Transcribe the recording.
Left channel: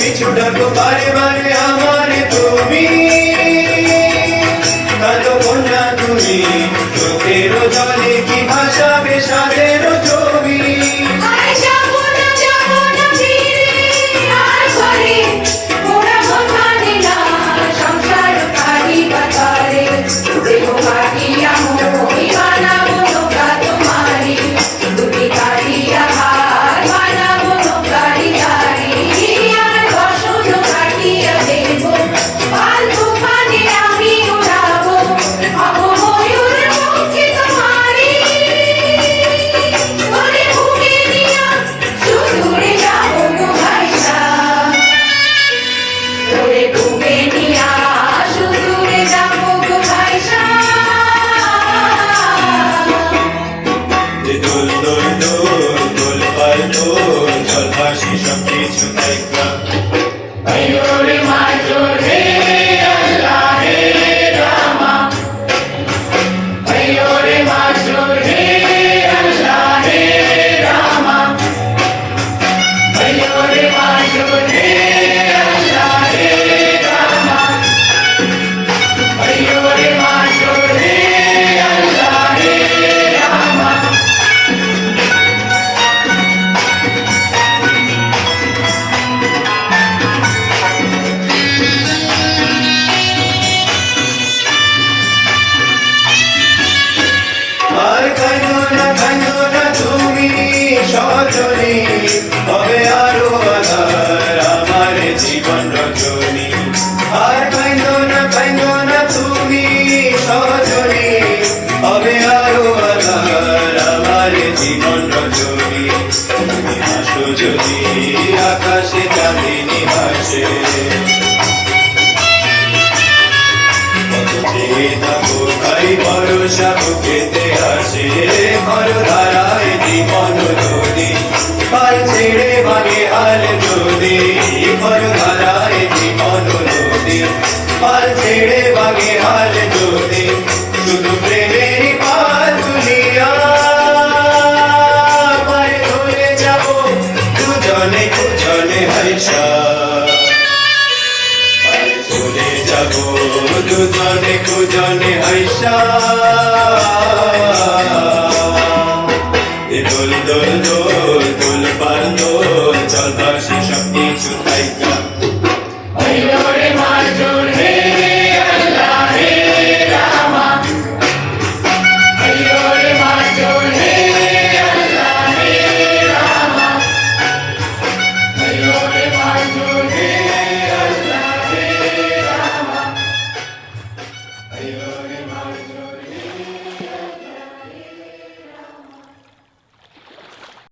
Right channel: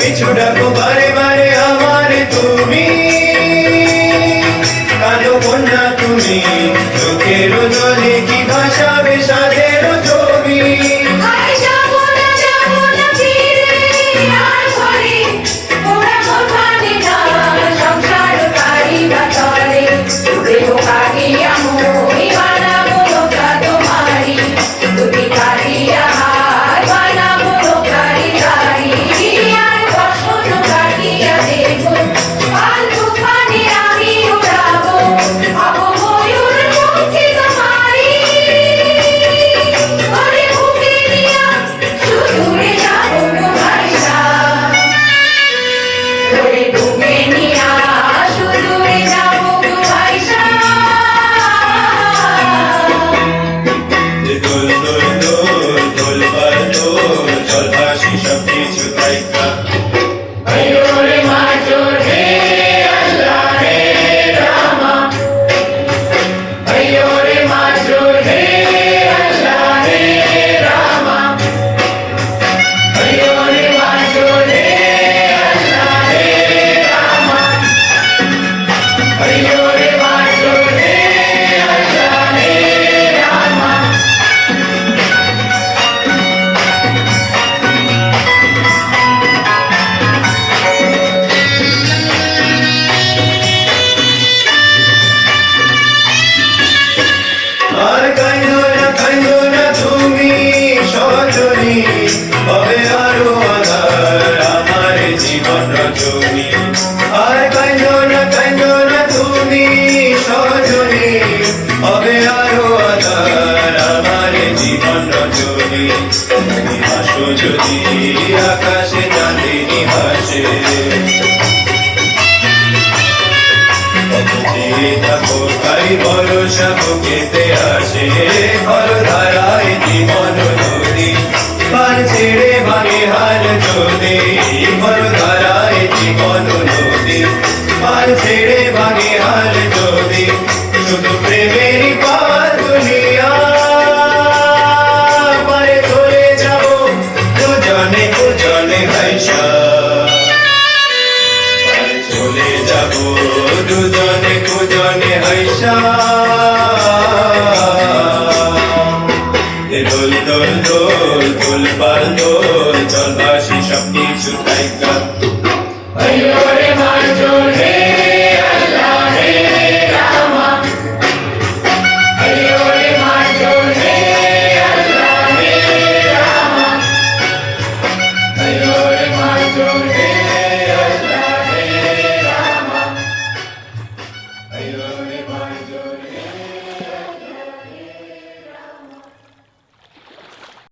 পিছু ডাকো বারে বারে আমারে তুমি, কাঁদো বন্যা তুমি, চোখের জলে কি ভাসাবে সাদের ছবি। Don't সজনী হবে আরো আধার আমার জীবন রজনী আর কাইন্দো না তুমি সজনী হবে আরো আধার আমার জীবন রজনী তুমি হাসো যদি আকাশে চাঁদিনী ভাসে কত চেয়ে থাকো তাই ভরসা বুকেতে আসে ঘর ধারায় জীবন নদী পার ছেড়ে ভাঙে হাল যদি ঘর ধারায় জীবন নদী পার ছেড়ে ভাঙে হাল যদি শুধু প্রেমেরই পার দুনিয়া পারে চলে যাবো দুজনে হাইসা চলে যাব দুজনে হাইসা দোল দোল দোল দোল পাল দোল